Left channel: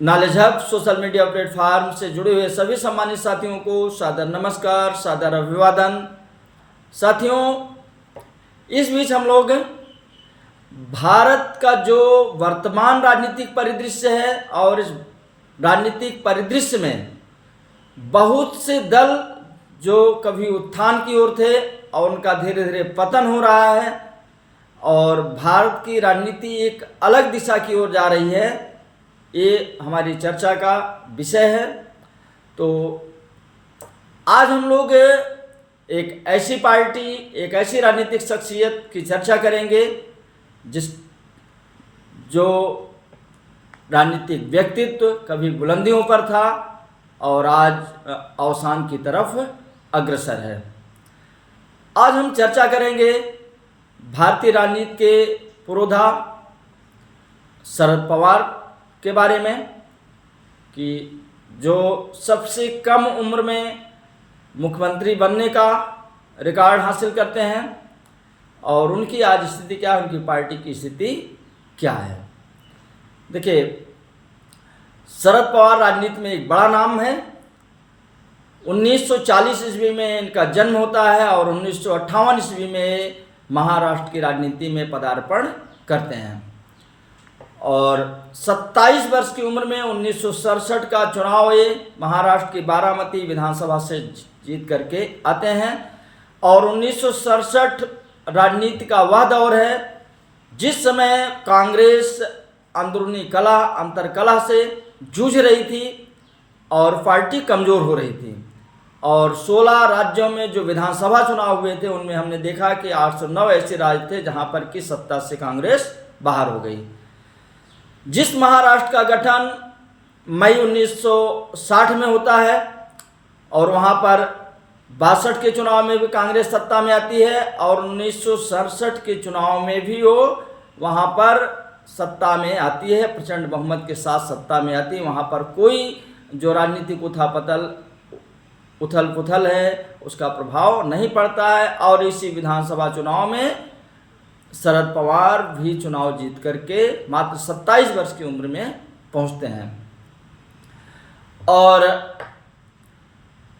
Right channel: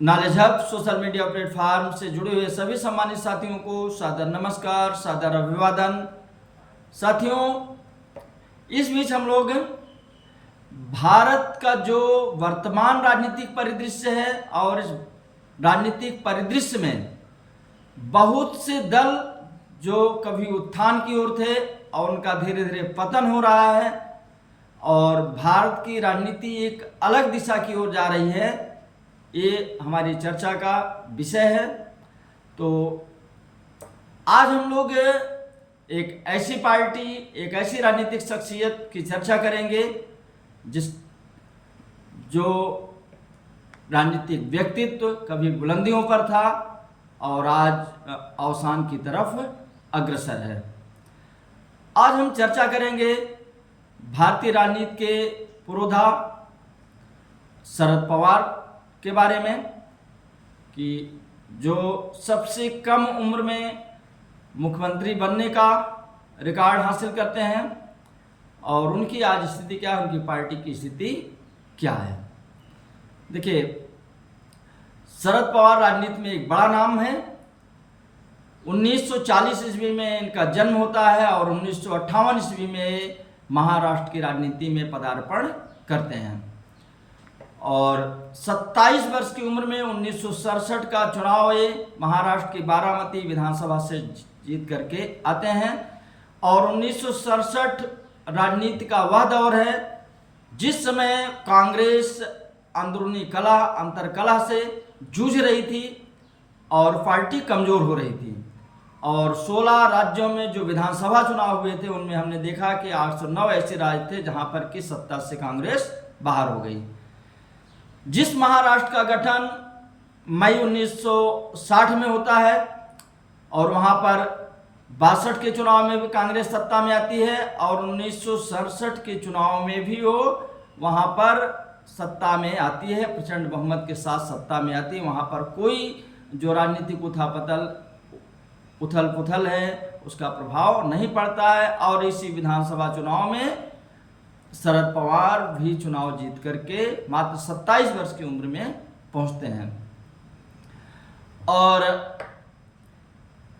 Knowledge hub social media platform से जुड़े हुए सभी सम्मानित साथियों को सादर नमस्कार, सादर अभिवादन। साथियों, इस बीच हम लोग भारत का जो वर्तमान राजनीतिक परिदृश्य है और इस राजनीतिक परिदृश्य में बहुत से दल जो कभी उत्थान की ओर थे और उनका धीरे धीरे पतन हो रहा है और भारत की राजनीति एक अलग दिशा की ओर जा रही है, ये हमारी चर्चा का विषय है। तो आज हम लोग एक ऐसी पार्टी, एक ऐसी राजनीतिक शख्सियत की चर्चा करेंगे जो राजनीतिक व्यक्तित्व कभी बुलंदियों पर था और आज अवसान की तरफ अग्रसर है। आज हम चर्चा करेंगे भारतीय राजनीति के पुरोधा शरद पवार के बारे में कि जो सबसे कम उम्र में मुख्यमंत्री बनने का रिकॉर्ड हासिल करते हैं और उनकी आज स्थिति क्या है, उनकी पार्टी की स्थिति क्या है। देखिए, शरद पवार राजनीति में एक बड़ा नाम है। 1940 ईस्वी में इनका जन्म होता है और 1958 ईस्वी में महाराष्ट्र की राजनीति में पदार्पण करते हैं और 27 वर्ष की उम्र में 1967 का चुनाव ये महाराष्ट्र की बारामती विधानसभा से जीत करके आते हैं और 1967 राजनीति का वह दौर है जिस समय कांग्रेस अंदरूनी कलह, अंतरकलह से जूझ रही थी और पार्टी कमज़ोर हो रही थी और 16 राज्यों में जो विधानसभा चुनाव हुए थे उनमें हमने देखा कि 809 ऐसे राज्य थे जहां पर कि सत्ता से कांग्रेस बाहर हो गई। जिस महाराष्ट्र का गठन मई 1960 में होता है और वहां पर 62 के चुनाव में भी कांग्रेस सत्ता में आती है और 1967 के चुनाव में भी वो वहां पर सत्ता में आती है, प्रचंड बहुमत के साथ सत्ता में आती है। वहां पर कोई जो राजनीतिक उथल पुथल है उसका प्रभाव नहीं पड़ता है और इसी विधानसभा चुनाव में शरद पवार भी चुनाव जीत करके मात्र 27 वर्ष की उम्र में पहुंचते हैं। और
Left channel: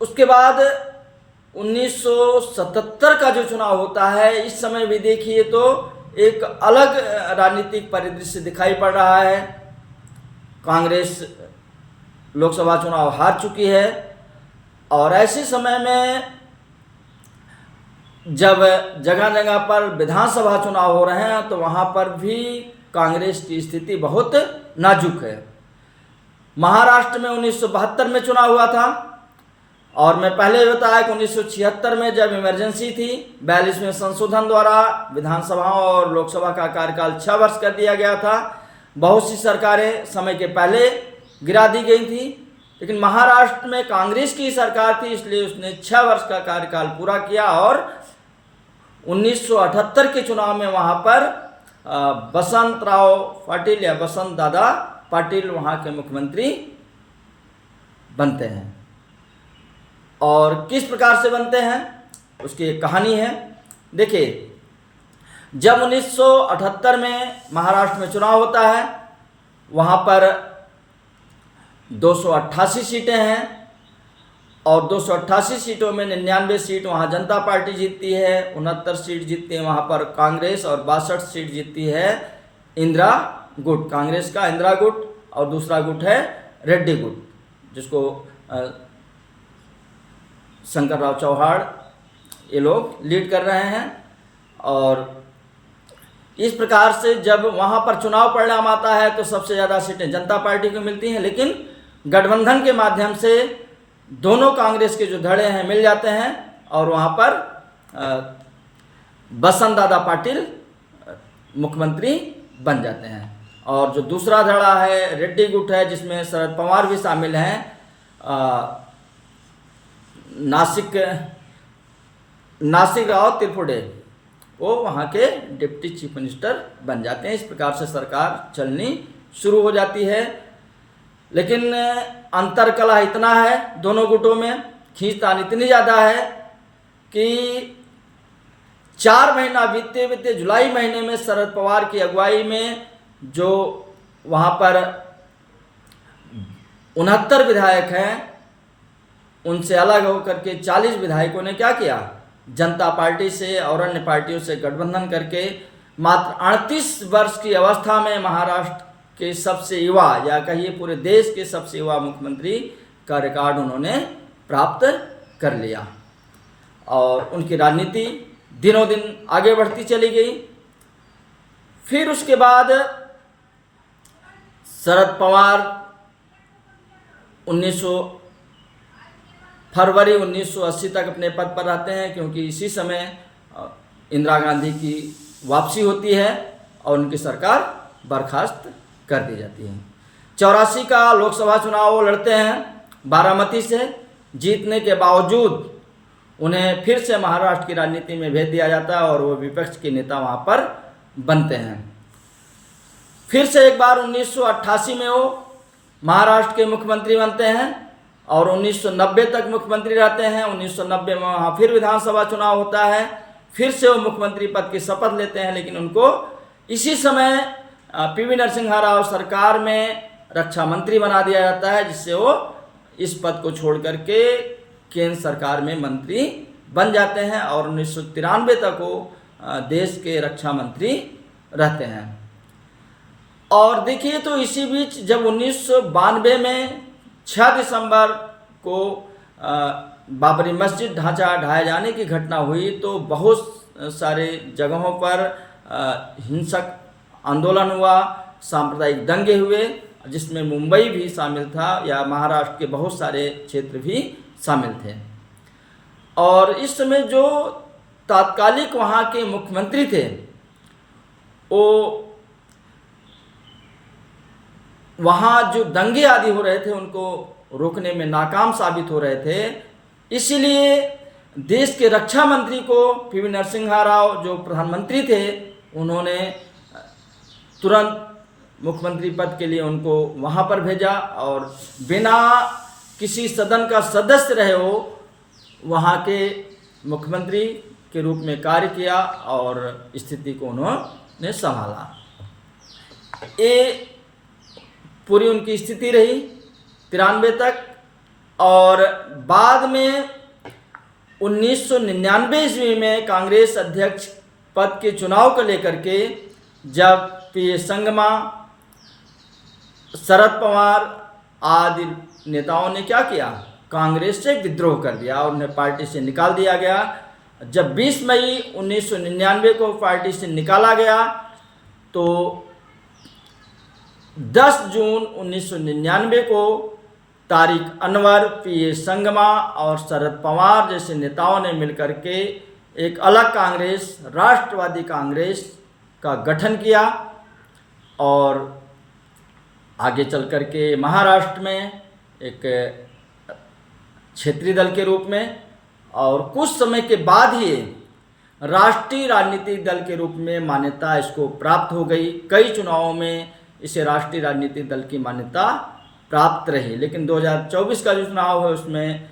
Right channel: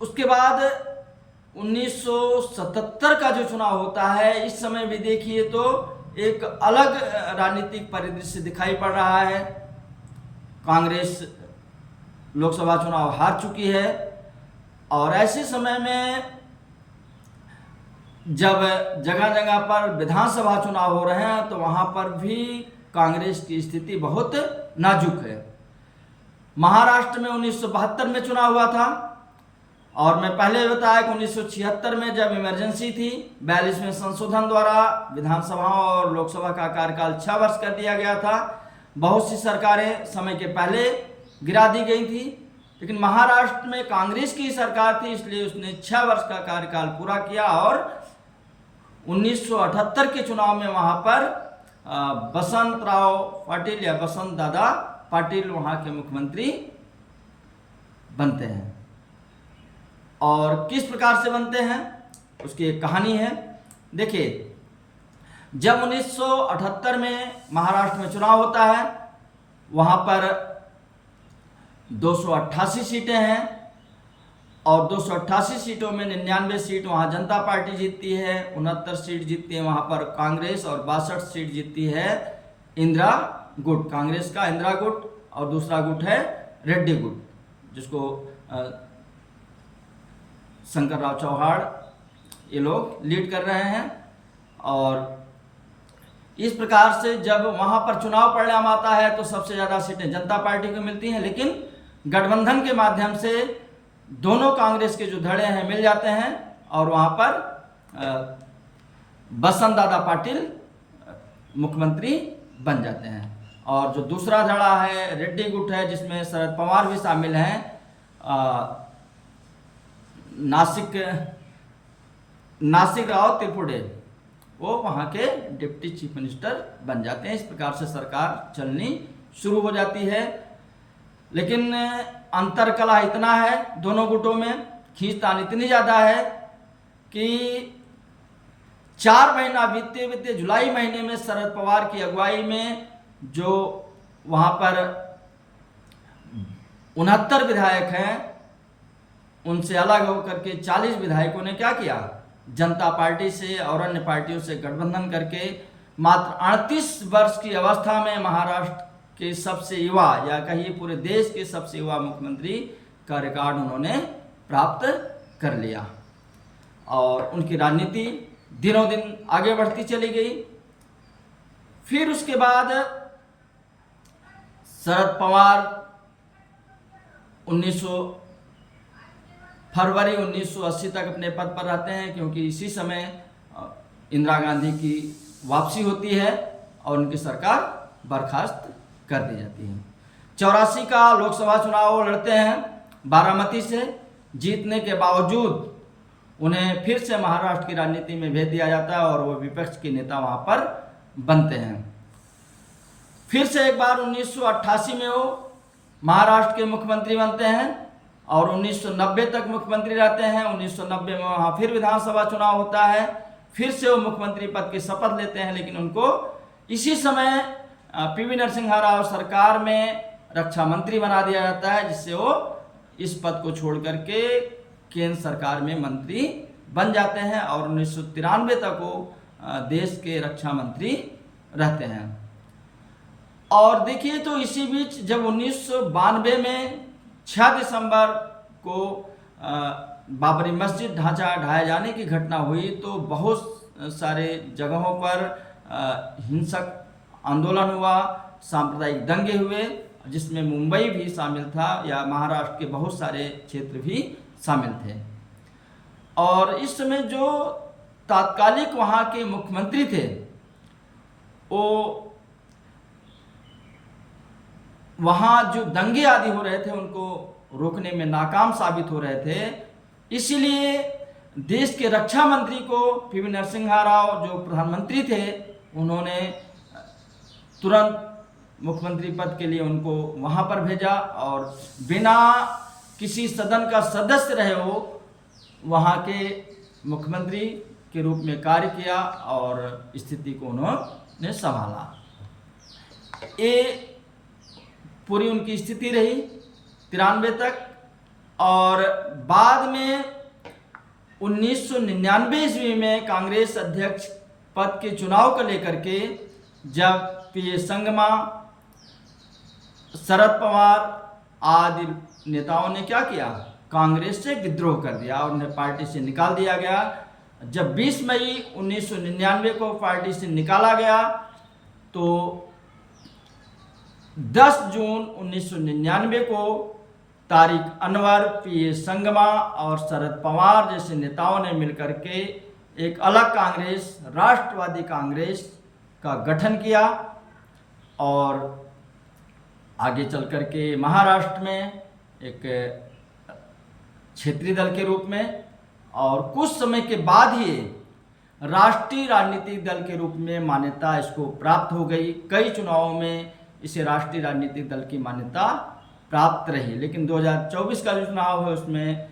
उसके बाद 1977 का जो चुनाव होता है, इस समय भी देखिए तो एक अलग राजनीतिक परिदृश्य दिखाई पड़ रहा है। कांग्रेस लोकसभा चुनाव हार चुकी है और ऐसे समय में जब जगह जगह पर विधानसभा चुनाव हो रहे हैं तो वहां पर भी कांग्रेस की स्थिति बहुत नाजुक है। महाराष्ट्र में 1972 में चुनाव हुआ था और मैं पहले बताया कि 1976 में जब इमरजेंसी थी, 42वें संशोधन द्वारा विधानसभाओं और लोकसभा का कार्यकाल 6 वर्ष कर दिया गया था। बहुत सी सरकारें समय के पहले गिरा दी गई थी, लेकिन महाराष्ट्र में कांग्रेस की सरकार थी इसलिए उसने 6 वर्ष का कार्यकाल पूरा किया और 1978 के चुनाव में वहां पर बसंतराव पाटिल या बसंत दादा पाटिल वहां के मुख्यमंत्री बनते हैं। और किस प्रकार से बनते हैं उसकी एक कहानी है। देखिए, जब 1978 में महाराष्ट्र में चुनाव होता है, वहां पर 288 सीटें हैं और 288 सीटों में 99 सीट वहां जनता पार्टी जीतती है, 69 सीट जीतती है वहां पर कांग्रेस और 62 सीट जीतती है इंदिरा गुट, कांग्रेस का इंदिरा गुट, और दूसरा गुट है रेड्डी गुट जिसको शंकर राव चौहान ये लोग लीड कर रहे हैं। और इस प्रकार से जब वहां पर चुनाव परिणाम आता है तो सबसे ज़्यादा सीटें जनता पार्टी को मिलती हैं, लेकिन गठबंधन के माध्यम से दोनों कांग्रेस के जो धड़े हैं मिल जाते हैं और वहां पर बसंत दादा पाटिल मुख्यमंत्री बन जाते हैं। और जो दूसरा धड़ा है रेड्डी गुट है जिसमें शरद पवार भी शामिल हैं, नासिक राव त्रिपुरे, वो वहाँ के डिप्टी चीफ मिनिस्टर बन जाते हैं। इस प्रकार से सरकार चलनी शुरू हो जाती है, लेकिन अंतरकलह इतना है दोनों गुटों में, खींचतान इतनी ज़्यादा है कि 4 महीना बीतते बीतते जुलाई महीने में शरद पवार की अगुवाई में जो वहाँ पर 69 विधायक हैं, उनसे अलग होकर के 40 विधायकों ने क्या किया, जनता पार्टी से और अन्य पार्टियों से गठबंधन करके मात्र 38 वर्ष की अवस्था में महाराष्ट्र के सबसे युवा, या कहिए पूरे देश के सबसे युवा मुख्यमंत्री का रिकॉर्ड उन्होंने प्राप्त कर लिया। और उनकी राजनीति दिनों दिन आगे बढ़ती चली गई। फिर उसके बाद शरद पवार 1900 फरवरी 1980 तक अपने पद पर रहते हैं, क्योंकि इसी समय इंदिरा गांधी की वापसी होती है और उनकी सरकार बर्खास्त कर दी जाती है। 84 का लोकसभा चुनाव लड़ते हैं बारामती से। जीतने के बावजूद उन्हें फिर से महाराष्ट्र की राजनीति में भेज दिया जाता है और वो विपक्ष के नेता वहाँ पर बनते हैं। फिर से एक बार 1988 में वो महाराष्ट्र के मुख्यमंत्री बनते हैं और 1990 तक मुख्यमंत्री रहते हैं। 1990 में वहाँ फिर विधानसभा चुनाव होता है, फिर से वो मुख्यमंत्री पद की शपथ लेते हैं, लेकिन उनको इसी समय पीवी नरसिम्हा राव सरकार में रक्षा मंत्री बना दिया जाता है, जिससे वो इस पद को छोड़ करके केंद्र सरकार में मंत्री बन जाते हैं और 1993 तक वो देश के रक्षा मंत्री रहते हैं। और देखिए तो इसी बीच जब 1992 में 6 दिसंबर को बाबरी मस्जिद ढांचा ढाए जाने की घटना हुई, तो बहुत सारे जगहों पर हिंसक आंदोलन हुआ, सांप्रदायिक दंगे हुए, जिसमें मुंबई भी शामिल था, या महाराष्ट्र के बहुत सारे क्षेत्र भी शामिल थे। और इस समय जो तात्कालिक वहाँ के मुख्यमंत्री थे, वो वहाँ जो दंगे आदि हो रहे थे उनको रोकने में नाकाम साबित हो रहे थे। इसीलिए देश के रक्षा मंत्री को पीवी नरसिम्हा राव जो प्रधानमंत्री थे, उन्होंने तुरंत मुख्यमंत्री पद के लिए उनको वहाँ पर भेजा और बिना किसी सदन का सदस्य रहे हो वहाँ के मुख्यमंत्री के रूप में कार्य किया और स्थिति को उन्होंने संभाला। ये पूरी उनकी स्थिति रही 93 तक। और बाद में 1999 ईस्वी में कांग्रेस अध्यक्ष पद के चुनाव को लेकर के जब पी संगमा, शरद पवार आदि नेताओं ने क्या किया, कांग्रेस से विद्रोह कर दिया और उन्हें पार्टी से निकाल दिया गया। जब 20 मई 1999 को पार्टी से निकाला गया, तो 10 जून 1999 को तारिक अनवर, पी संगमा और शरद पवार जैसे नेताओं ने मिलकर के एक अलग कांग्रेस, राष्ट्रवादी कांग्रेस का गठन किया और आगे चल कर के महाराष्ट्र में एक क्षेत्रीय दल के रूप में और कुछ समय के बाद ही राष्ट्रीय राजनीतिक दल के रूप में मान्यता इसको प्राप्त हो गई। कई चुनावों में इसे राष्ट्रीय राजनीतिक दल की मान्यता प्राप्त रही, लेकिन 2024 का जो चुनाव है उसमें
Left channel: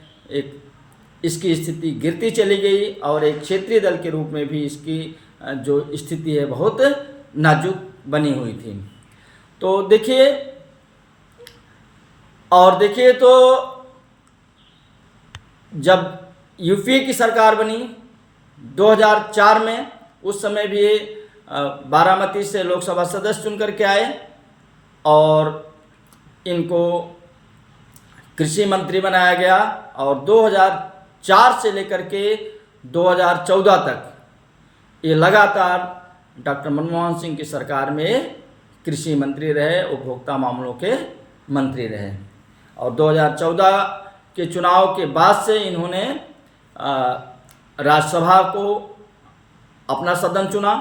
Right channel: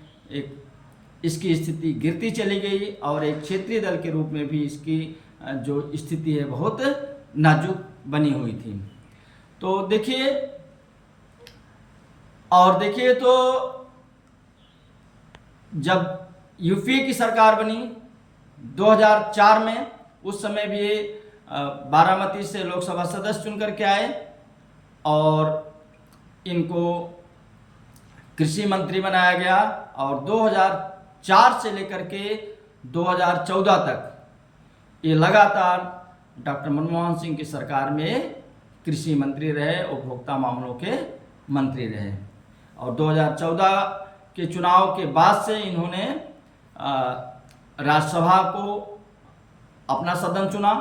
इसकी स्थिति गिरती चली गई और एक क्षेत्रीय दल के रूप में भी इसकी जो स्थिति है बहुत नाजुक बनी हुई थी। तो देखिए तो जब यूपीए की सरकार बनी 2004 में, उस समय भी बारामती से लोकसभा सदस्य चुन करके आए और इनको कृषि मंत्री बनाया गया और 2004 से लेकर के 2014 तक ये लगातार डॉक्टर मनमोहन सिंह की सरकार में कृषि मंत्री रहे, उपभोक्ता मामलों के मंत्री रहे। और 2014 के चुनाव के बाद से इन्होंने राज्यसभा को अपना सदन चुना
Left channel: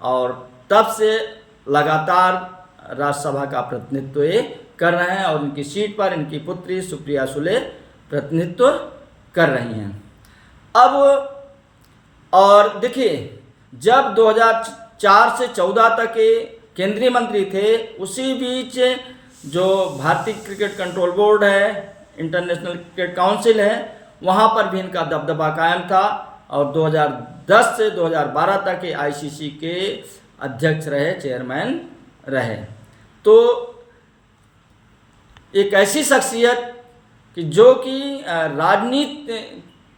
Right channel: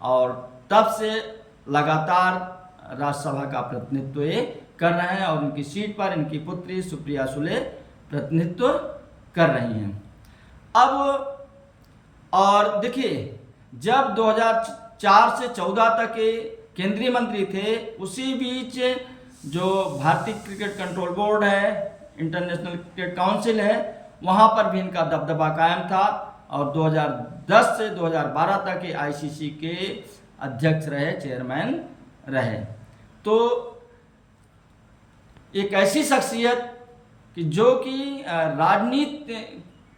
और तब से लगातार राज्यसभा का प्रतिनिधित्व ये कर रहे हैं और इनकी सीट पर इनकी पुत्री सुप्रिया सुले प्रतिनिधित्व कर रही हैं। अब और देखिए, जब 2004 से 14 तक के केंद्रीय मंत्री थे, उसी बीच जो भारतीय क्रिकेट कंट्रोल बोर्ड है, इंटरनेशनल क्रिकेट काउंसिल है, वहाँ पर भी इनका दबदबा कायम था और 2010 से 2012 तक के आईसीसी के अध्यक्ष रहे, चेयरमैन रहे। तो एक ऐसी शख्सियत कि जो कि राजनीति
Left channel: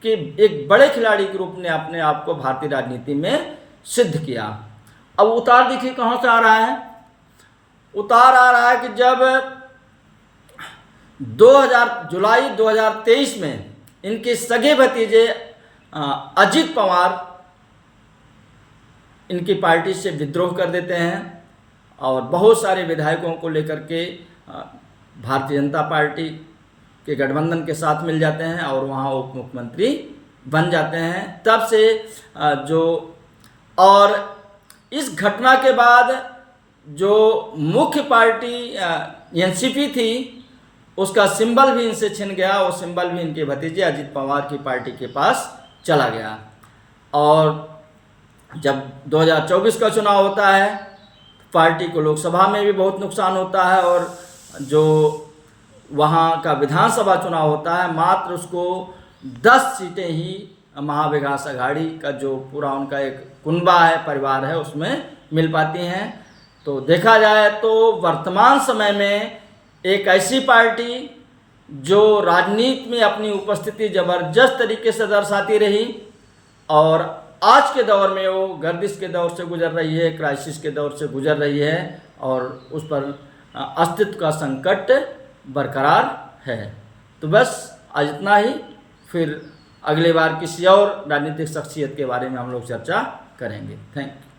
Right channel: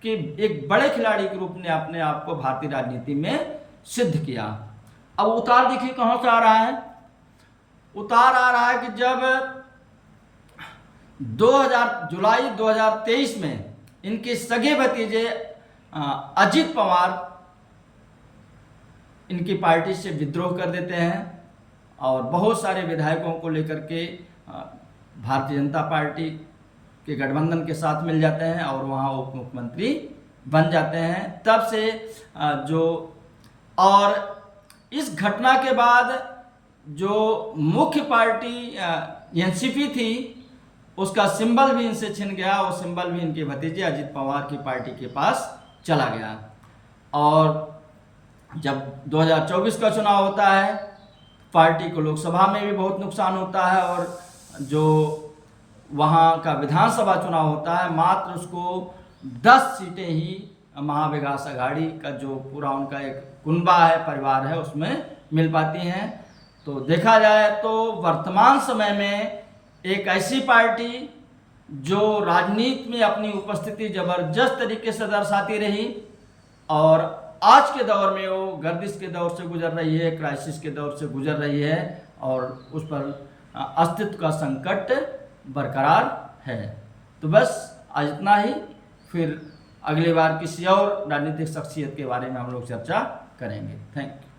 के एक बड़े खिलाड़ी के रूप में अपने आप को भारतीय राजनीति में सिद्ध किया। अब उतार देखिए कहाँ से आ रहा है। उतार आ रहा है कि जब 2000 जुलाई 2023 में इनके सगे भतीजे अजित पवार इनकी पार्टी से विद्रोह कर देते हैं और बहुत सारे विधायकों को लेकर के भारतीय जनता पार्टी के गठबंधन के साथ मिल जाते हैं और वहाँ उप मुख्यमंत्री बन जाते हैं। तब से और इस घटना के बाद जो मुख्य पार्टी एनसीपी थी उसका सिंबल भी इनसे छिन गया। वो सिंबल भी इनके भतीजे अजित पवार की पार्टी के पास चला गया। और जब 2024 का चुनाव होता है पार्टी को लोकसभा में भी बहुत नुकसान होता है और जो वहाँ का विधानसभा चुनाव होता है मात्र उसको 10 सीटें ही महाविकास अघाड़ी का जो पूरा उनका एक कुनबा है, परिवार है, उसमें मिल पाती हैं। तो देखा जाए तो वर्तमान समय में एक ऐसी पार्टी जो राजनीति में अपनी उपस्थिति जबरदस्त तरीके से दर्शाती रही और आज के दौर में वो गर्दिश के दौर से गुजर रही है, क्राइसिस के दौर से गुजर रही है और उस पर अस्तित्व का संकट बरकरार है। तो बस आज इतना ही, फिर अगली बार किसी और राजनीतिक शख्सियत के बारे में हम लोग चर्चा करेंगे। Thank you.